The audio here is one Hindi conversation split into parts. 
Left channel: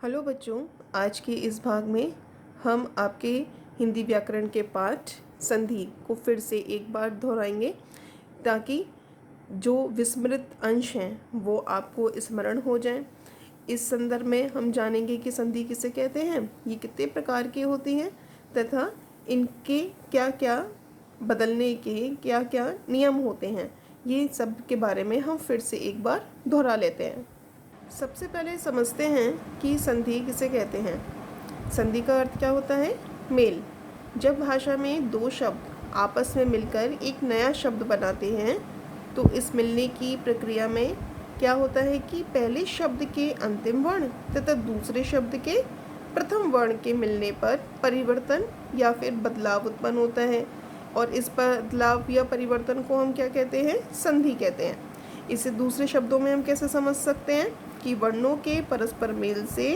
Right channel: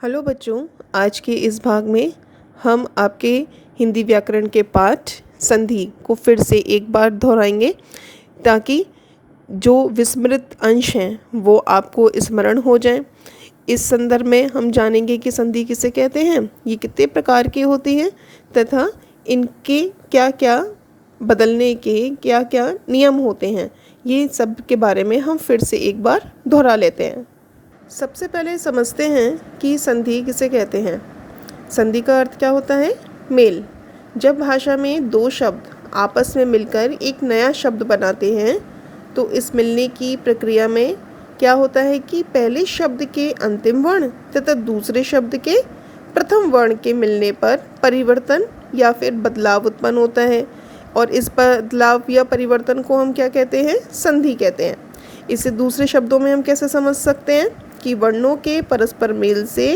हेलो बच्चों, आज के इस भाग में हम आपके हिंदी व्याकरण के पाठ संधि को फिर से एक बार दोहराएंगे ताकि जो विस्मृत अंश हैं वो आपको स्मरण हो जाएं। इस संदर्भ में हम जानेंगे कि संधि किसे कहते हैं, ये कितने प्रकार की होती हैं तथा इनके क्या क्या बदलने के क्या क्या नियम होते हैं। ये सब के बारे में हम फिर से एक बार दोहरा लेते हैं। सबसे पहले समझते हैं कि संधि किसे कहते हैं। संधि का अर्थ क्या होता है? मेल। जब भाषा में दो शब्द आपस में मिलकर एक नया शब्द बनाते हैं तो इस मिलने की प्रक्रिया में क्या होता है कि पहले शब्द के अंतिम वर्ण तथा दूसरे शब्द के प्रथम वर्ण के मिलने पर परिवर्तन या फिर बदलाव उत्पन्न होता है और इस बदलाव या परिवर्तन को हम क्या कहते हैं? संधि कहते हैं। इसे दूसरे शब्दों में हम कैसे समझ सकते हैं कि वर्णों के परस्पर मेल से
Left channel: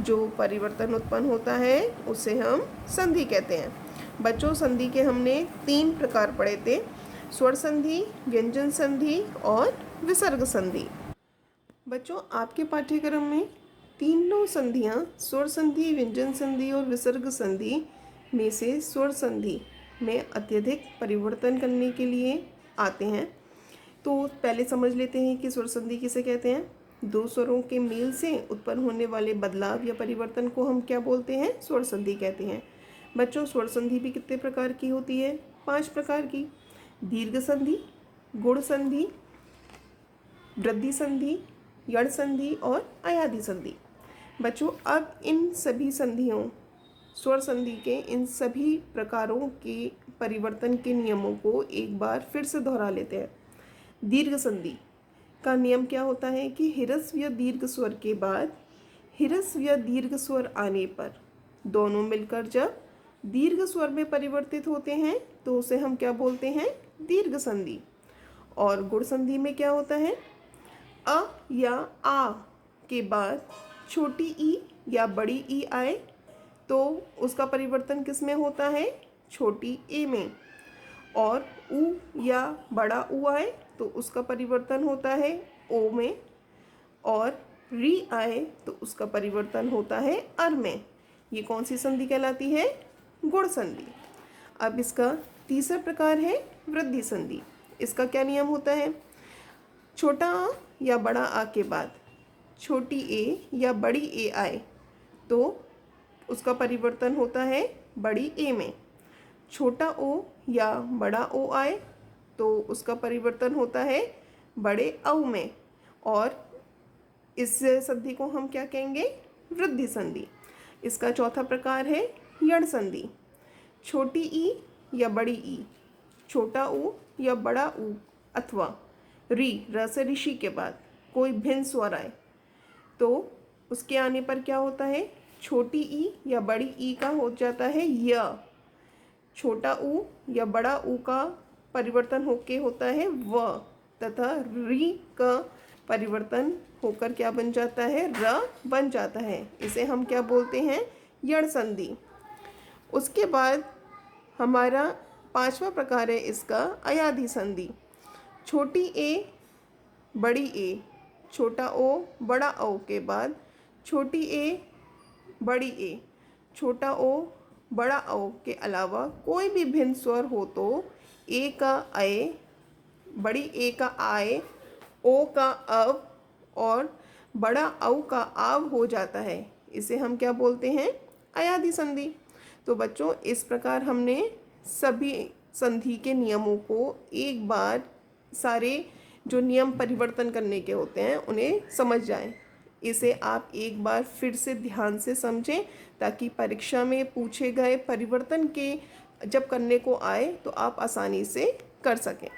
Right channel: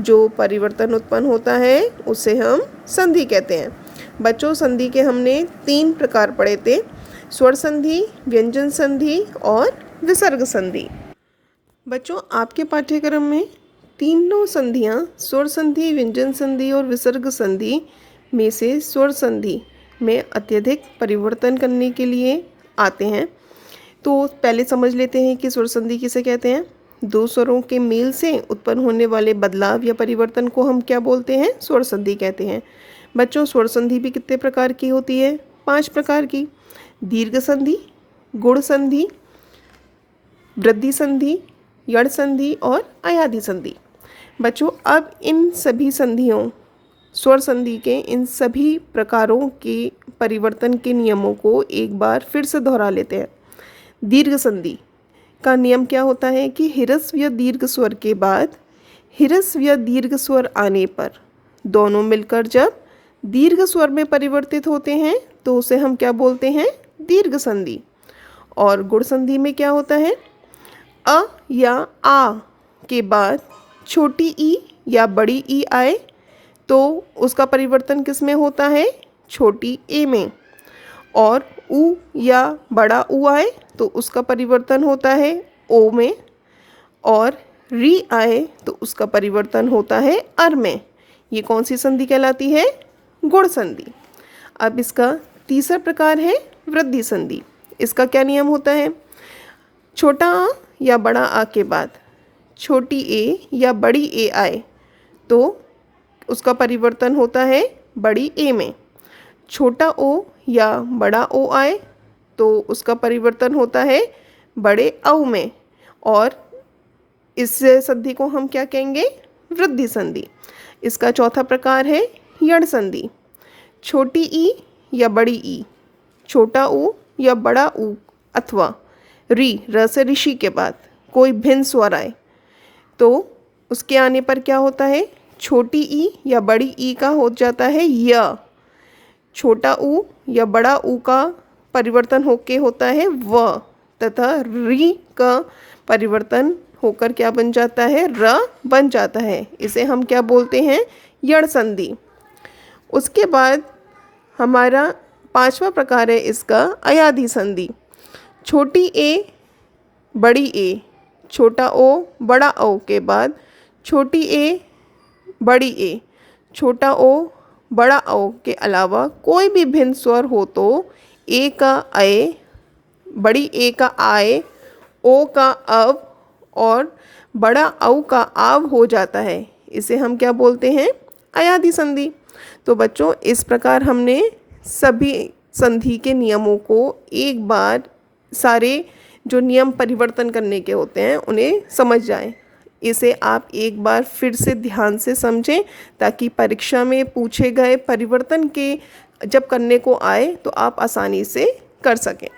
जो परिवर्तन उत्पन्न होता है उसे हम संधि कहते हैं। बच्चों, संधि के हमने 3 प्रकार पढ़े थे: स्वर संधि, व्यंजन संधि और विसर्ग संधि। बच्चों, आपके पाठ्यक्रम में तीनों संधियां स्वर संधि, व्यंजन संधि और विसर्ग संधि में से स्वर संधि में अत्यधिक परिवर्तन करने के लिए आते हैं। तो पहले समझ लेते हैं कि स्वर संधि किसे कहते हैं। दो स्वरों के मेल से उत्पन्न होने वाले बदलाव या परिवर्तन को हम क्या बोलते हैं? स्वर संधि कहते हैं। बच्चों, स्वर संधि भी कितने प्रकार की होती है? 5 प्रकार की: दीर्घ संधि, गुण संधि, वृद्धि संधि, यण संधि और अयाधि संधि। बच्चों, अब इन सभी संधियों, स्वर संधि के इन सभी प्रकारों के परिवर्तन के नियमों को एक बार फिर से दोहरा लेते हैं। दीर्घ संधि का नियम क्या होता है कि ह्रस्व या दीर्घ स्वर के बाद ह्रस्व या दीर्घ स्वर आने पर दोनों मिलकर जब दीर्घ स्वर में परिवर्तित होते हैं तो उसे हम क्या बोलते हैं? दीर्घ संधि। और गुण संधि में क्या होता है? अ या आ के बाद छोटी ई या बड़ी ई आए तो उसका परिवर्तन किस में होता है? छोटी ए में। और उ या बड़ा उ आए तो उसका परिवर्तन होता है ओ में। और री आए तो उसका परिवर्तन होता है अर में। ये कौन सी संधि कहलाती है? गुण संधि। अब इसका तीसरा प्रकार है वृद्धि संधि। इसका क्या नियम होता है? छोटा आ या बड़ा आ के बाद छोटी ए या बड़ी ए आए तो उसका परिवर्तन होता है बड़ी ए में। छोटा ओ या बड़ा ओ आए तो उसका परिवर्तन होता है बड़े औ में। और इस संधि को हम क्या कहेंगे? वृद्धि संधि। इसका चौथा प्रकार है यण संधि। छोटी ई या बड़ी ई, छोटा ऊ या बड़ा ऊ अथवा री, र से ऋषि के बाद कोई भिन्न स्वर आए तो उसके आने पर क्या होता है? छोटी ई या बड़ी ई का हो जाता है य। छोटा ऊ या बड़ा ऊ का परिवर्तन होके होता है व तथा री का परिवर्तन होकर क्या बन जाता है? र बन जाता है। इसे हम क्या बोलते हैं? यण संधि। उसके बाद हमारा 5वां प्रकार है इसका अयाधि संधि। छोटी ए बड़ी ए, छोटा ओ बड़ा ओ के बाद छोटी ए बड़ी ए, छोटा ओ बड़ा ओ के अलावा कोई भी भिन्न स्वर हो तो ए का अय, बड़ी ए का आय, ओ का अव और बड़ा औ का आव हो जाता है। इसे हम क्या बोलते हैं? अयाधि संधि। तो बच्चों, इस प्रकार हमने सभी संधि के नियमों को एक बार सारे जो नियम परिवर्तन करने के होते हैं उन्हें समझ जाएं। इसे आप एक बार फिर से ध्यान से समझें ताकि परीक्षा में पूछे गए परिवर्तन के जब करने को आए तो आप आसानी से कर सकें।